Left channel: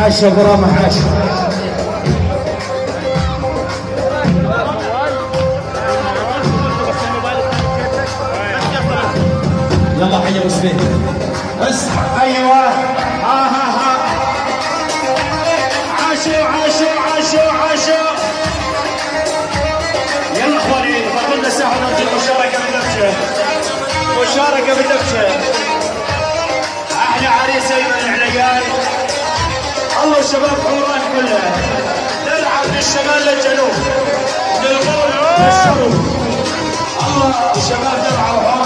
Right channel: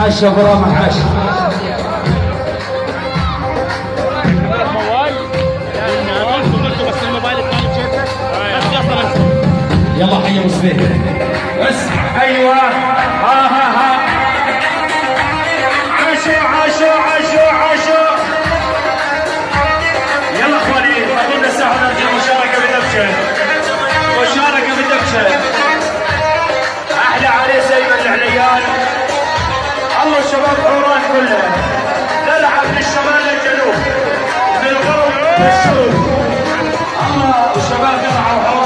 حاشا برامة حاشا. يلا حي ابو سبيل بس. ايوه ها عاشوا يلا اخواني فضلنا ساعه نرجع مشاركه بالدبشه. احلى عريس ايمن العليان. الله الشباب حوران كلها تلعب من الشمال للجنوب من الغرب للشمال. الله الشباب تلعب